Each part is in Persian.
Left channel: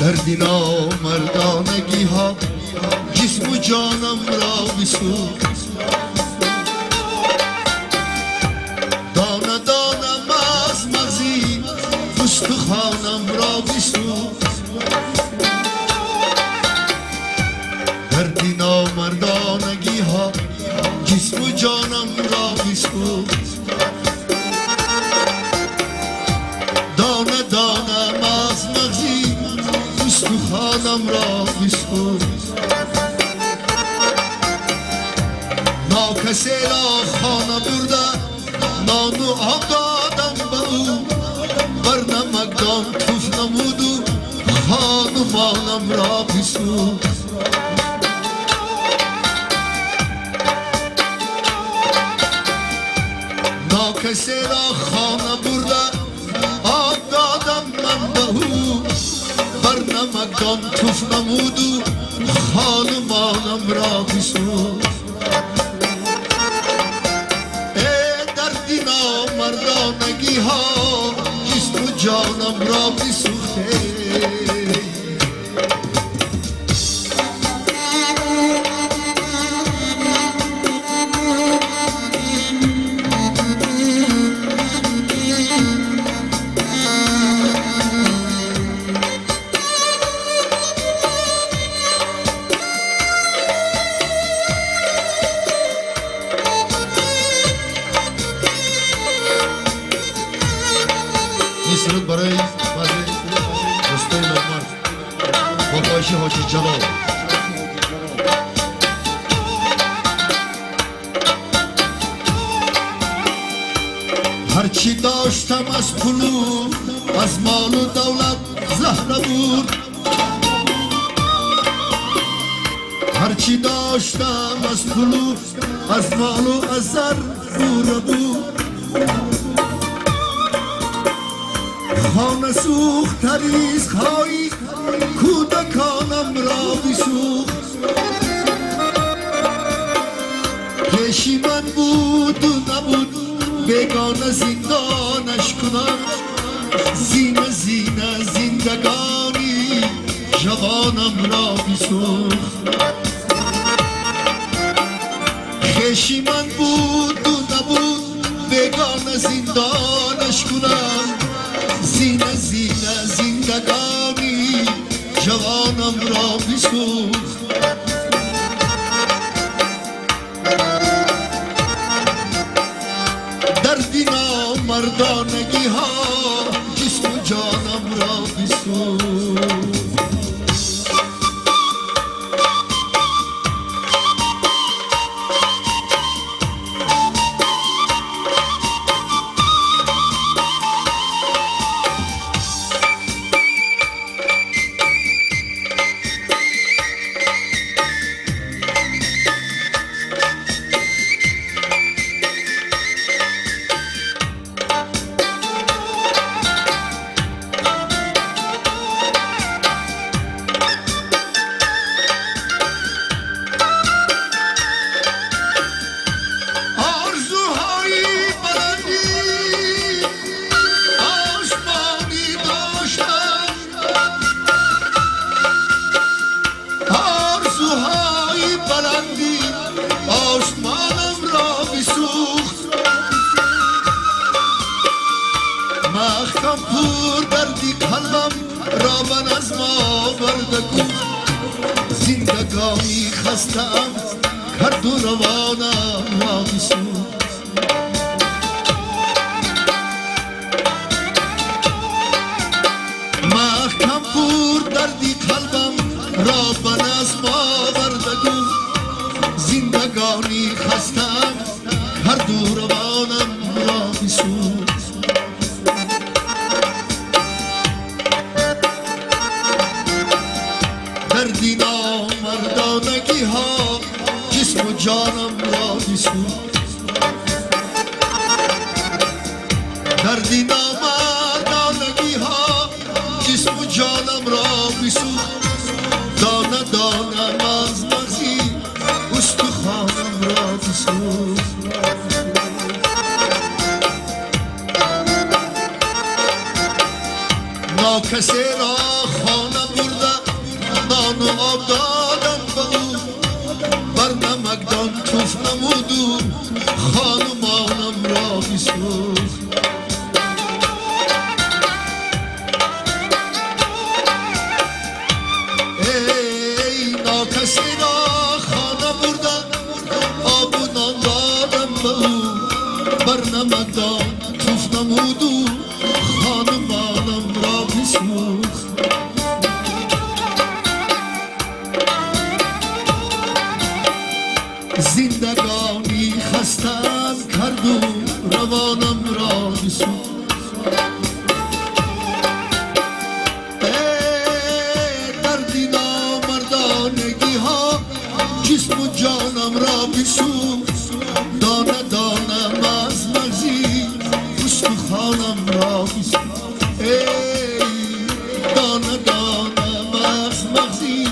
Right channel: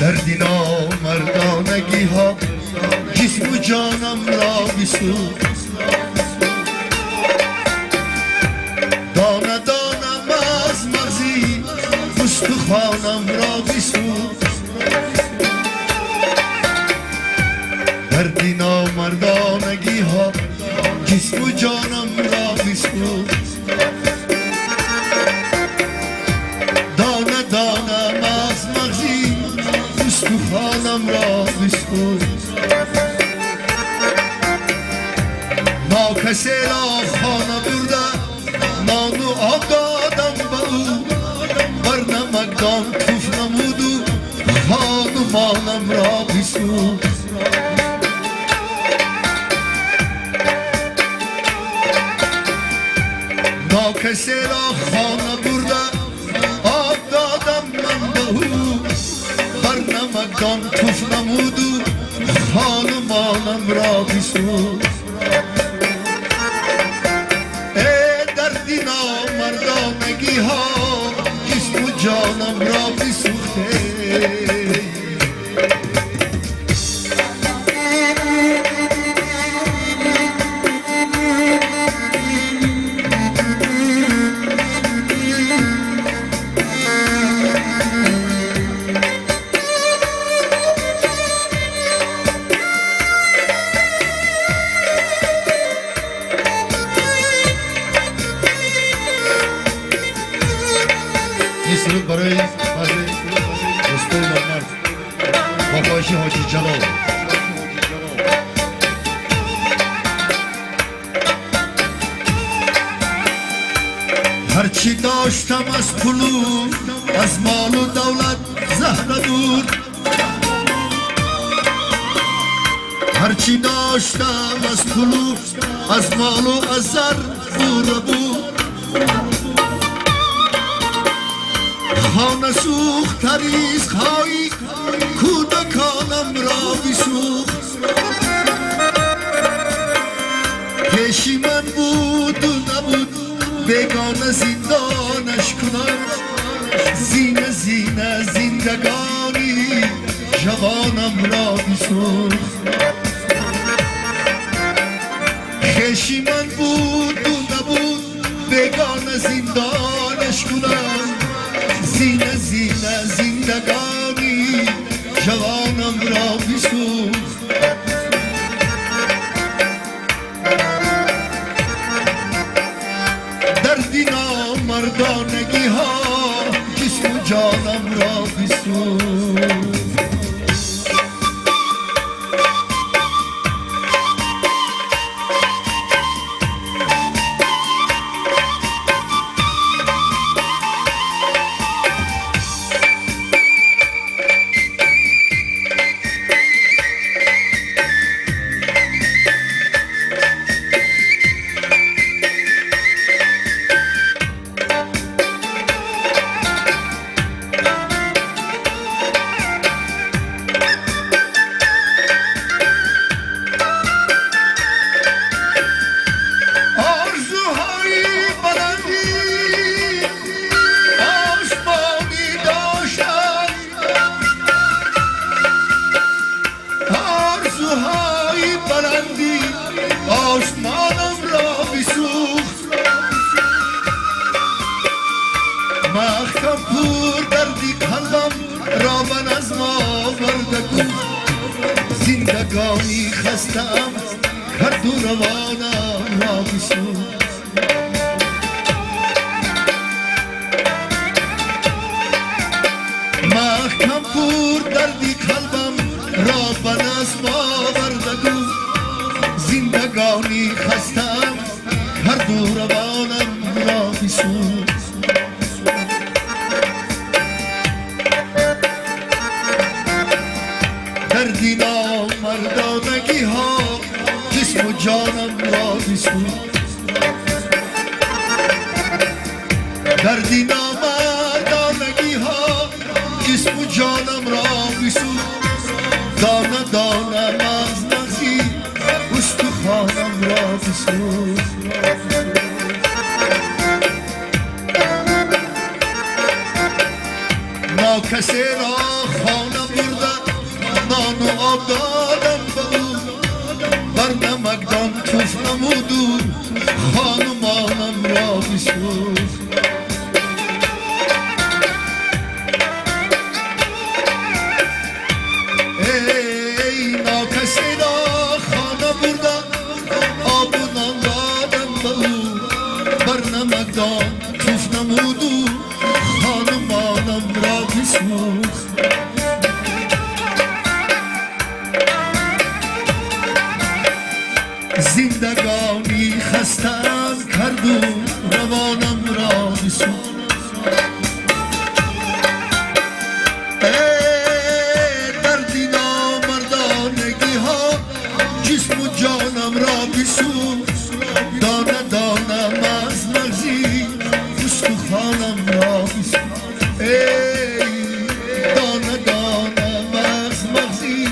دردی نامردانگی ها جسم و جانم را بسوخت دانه دانم از مغزی استخوانم را بسوخت دردی نامردانگی ها جسم و جانم را بسوخت دانه دانم از مغزی استخوانم را بسوخت ناکسی را خانه برده نان و آب دادم به او بر نمکدان توف نمود و خانمانم را بسوخت ناکسی را خانه برده آب دادم من به او بر نمکدان توف نمود و خانمانم را بسوخت دردی نامردانگی ها جسم و جانم را بسوخته سرود برای دوستای مرد با خواهش حاجی جلال هرچی داشتم از پولو از مال و دولت زهره بود هرچی داشتم از پولو از مال و از زر بوره بود خانه سوخت تریز خواهی کودکانم را بسوخت پیشی من بود و نبود بیگانه زندانش کنم زینه زینه زندگانی جوانم را بسوخت پیشی من بود و نبود بیگانه زندانش کنم زینه زینه زندگانی جوانم را بسوخت دردی نامردانگی ها جسم و جانم را بسوخت آسمانم را بسوخت محکم پور دردی قلبم را من از ما برده گفت زندگانی خستم هر دو روانم را بسوخت محکم پور دردی قلبم را من از ما برده گفت زندگانی خستم هر دو روانم را بسوخت دردی نامردانگی ها جسم و جانم را بسوخت دردی نامردانگی ها جسم و جانم را بسوخت دانه دانه از مغزی استخوانم را بسوخت ناکسی را خانم برده نان و آب دادم به او بر نمکدان توف نمود و خانمانم را بسوخت ای ناکسی را خانه برده آب و نان دادم به او بر نمکدان توف نمود و خانمانم را بسوخت زندگانی خستم کرد و روانم را بسوخت دردی نامردانگی ها جسم و جانم را بسوخت دانه دانم از مغزی استخوانم را بسوخت دانه دانم از مغزی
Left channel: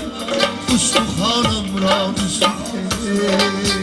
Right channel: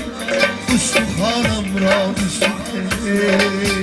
استخوانم را بسوخت